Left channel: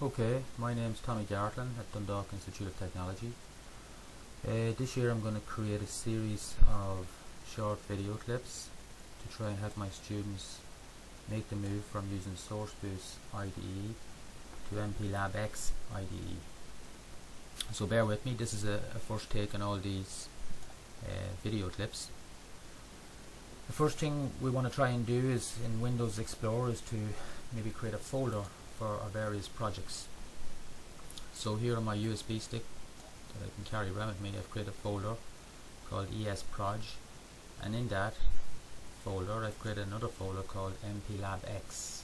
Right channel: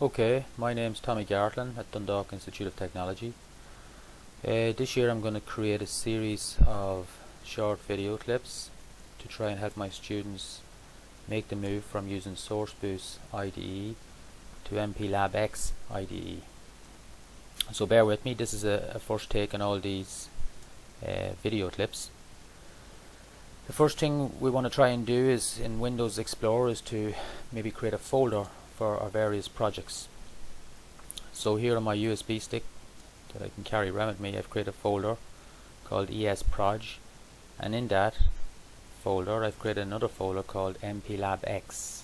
Okay, my name's Tommy Gartlin at Dundalk Institute of Technology. This year I'm going to create a series of short video clips to try and help my students make the move from using SourceBoost IDE to Mplabx IDE. So bear with me, this is a first take on all these video clips. The first thing we want to try and do is in Windows Explorer is to maybe create a folder for our various projects. So here on my USB stick that I can carry around with me, I've created a folder called ESproj, and in that folder I've created another folder called Mplabx,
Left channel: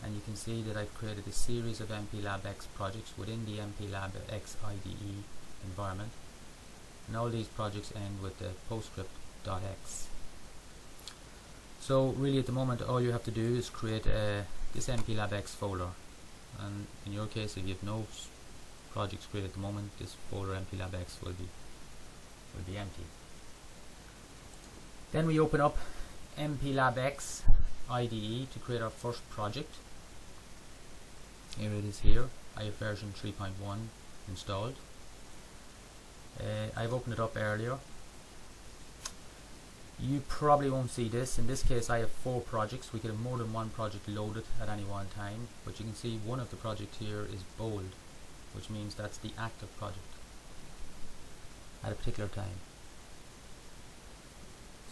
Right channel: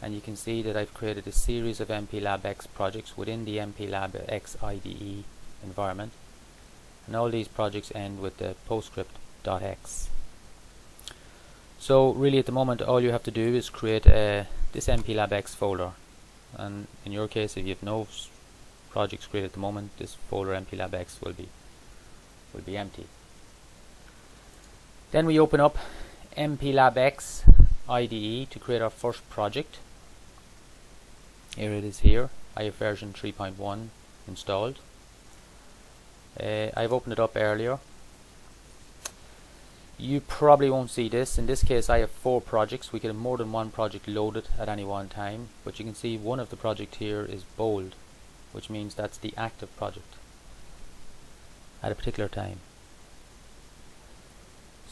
and you can see that I've created a series of Mplabx projects within the Mplabx IDE environment, and all these projects end with the postscript.x. So really at the moment all you have to do is create this Mplabx folder, and in your case if you have no projects created at the moment, this folder Mplabx will be empty. Then we open up Mplabx IDE to create our first project. Here it is here. I have version 3.1 installed. I've opened it up earlier. You probably won't see this. In this case I have 4 projects. We can have more than one project loaded at any one time, but you can see one of the projects here is bold, which means that's the active project at a particular time.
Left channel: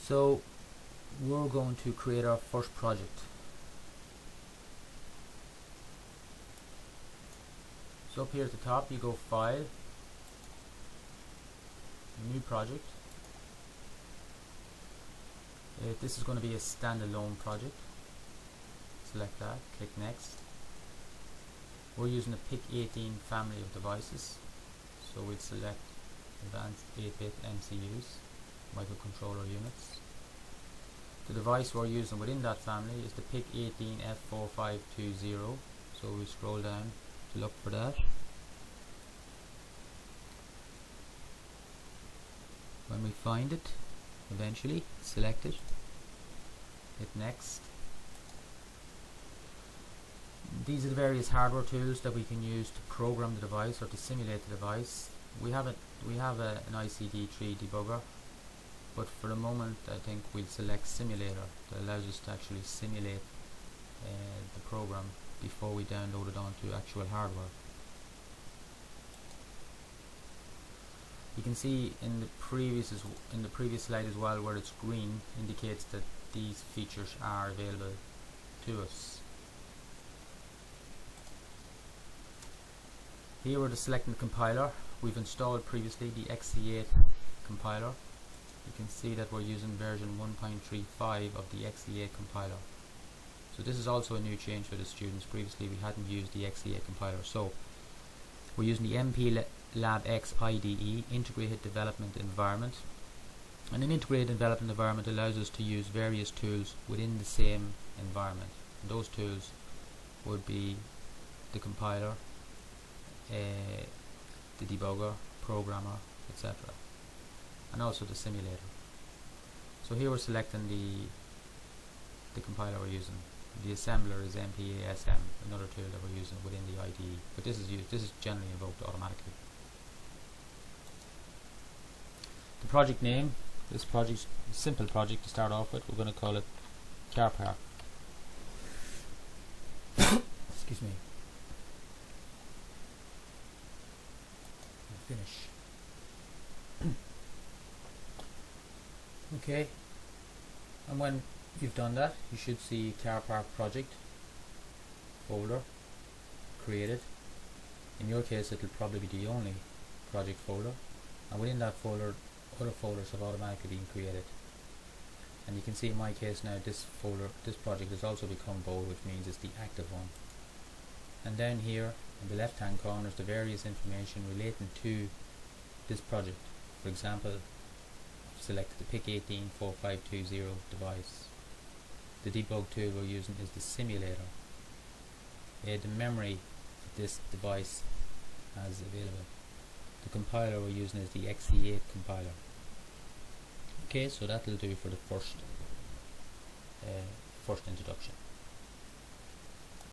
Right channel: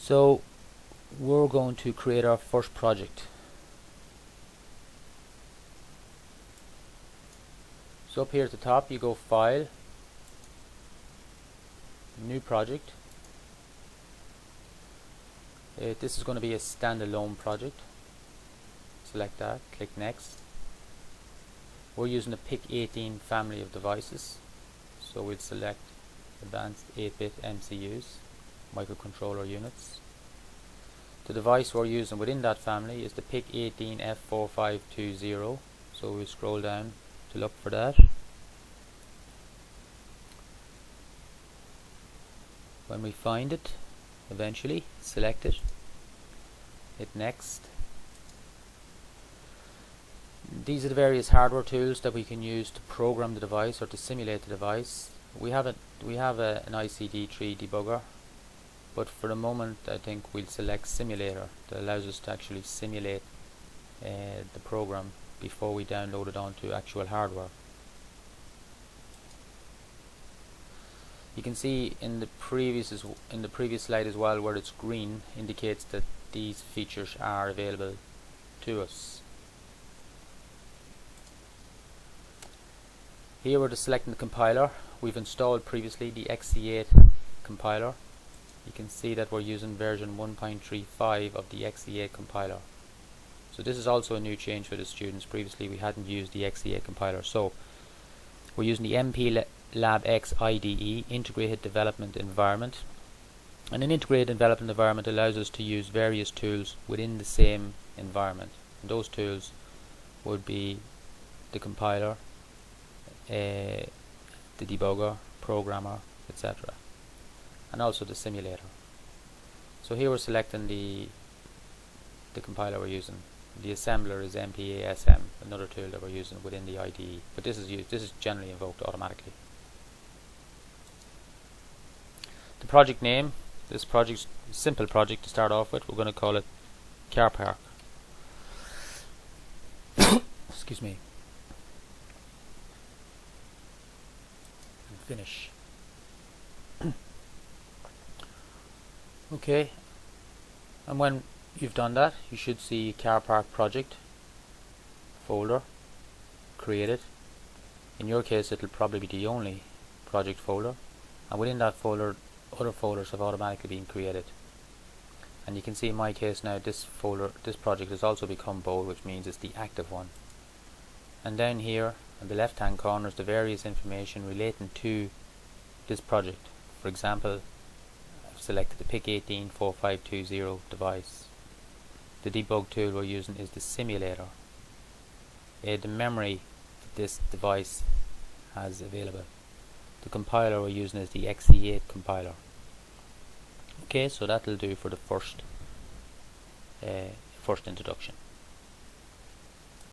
So we're going to create our first project. So up here at the top you go File, New Project. This is going to be a standalone project. Select that, click Next. We're using the PIC18 family of devices, so we'll select Advanced 8-bit MCUs, microcontroller units. The device we're using within that family is the PIC18F4520, so we'll scroll down to look for that. When we find it, eventually select it, hit Next. These are the various hardware tools that we can use to program the device or to simulate the device. We have an ICD3 debugger, but for the moment I think we'll select Simulator. That allows us to actually simulate the program before we download it onto actual hardware. You can see in the previous slide as well, where it's green indicates that these features are available to us. Here we're selecting the compiler. We've installed previously the XE8 compiler. You can see that we're using version 1.35 of the XE8 compiler. So this is also a new change for the students. Previously we hadn't used the XE8 compiler. So we're using the Mplabx IDE, Integrated Development Environment. And an integrated development environment allows us to use various tools within the same environment. And those tools would be the compiler, the debugger, programmer, etc. and also the simulator. So here we're selecting the compiler we're using. The assembler is MPASM, another tool that we're using within the IDE, but this is generally invoked automatically. The project name, this project's a simple project to start off with. We're going to call it Car Park. Excuse me. Finish. Okay, and when you've done that, you should see Car Park project folder created. In your case it will probably be the only project folder, and within that folder other folders have automatically been created. And you can see in my case now this project has also become bold, which means it's the active one. And down here in the left hand corner is the various information relating to this project. For example, I've selected the PIC184520 device. The debug tool we're using is the simulator. The memory this device has available. The compiler we're using is the XE8 compiler. Okay, so that'll do for the first introduction.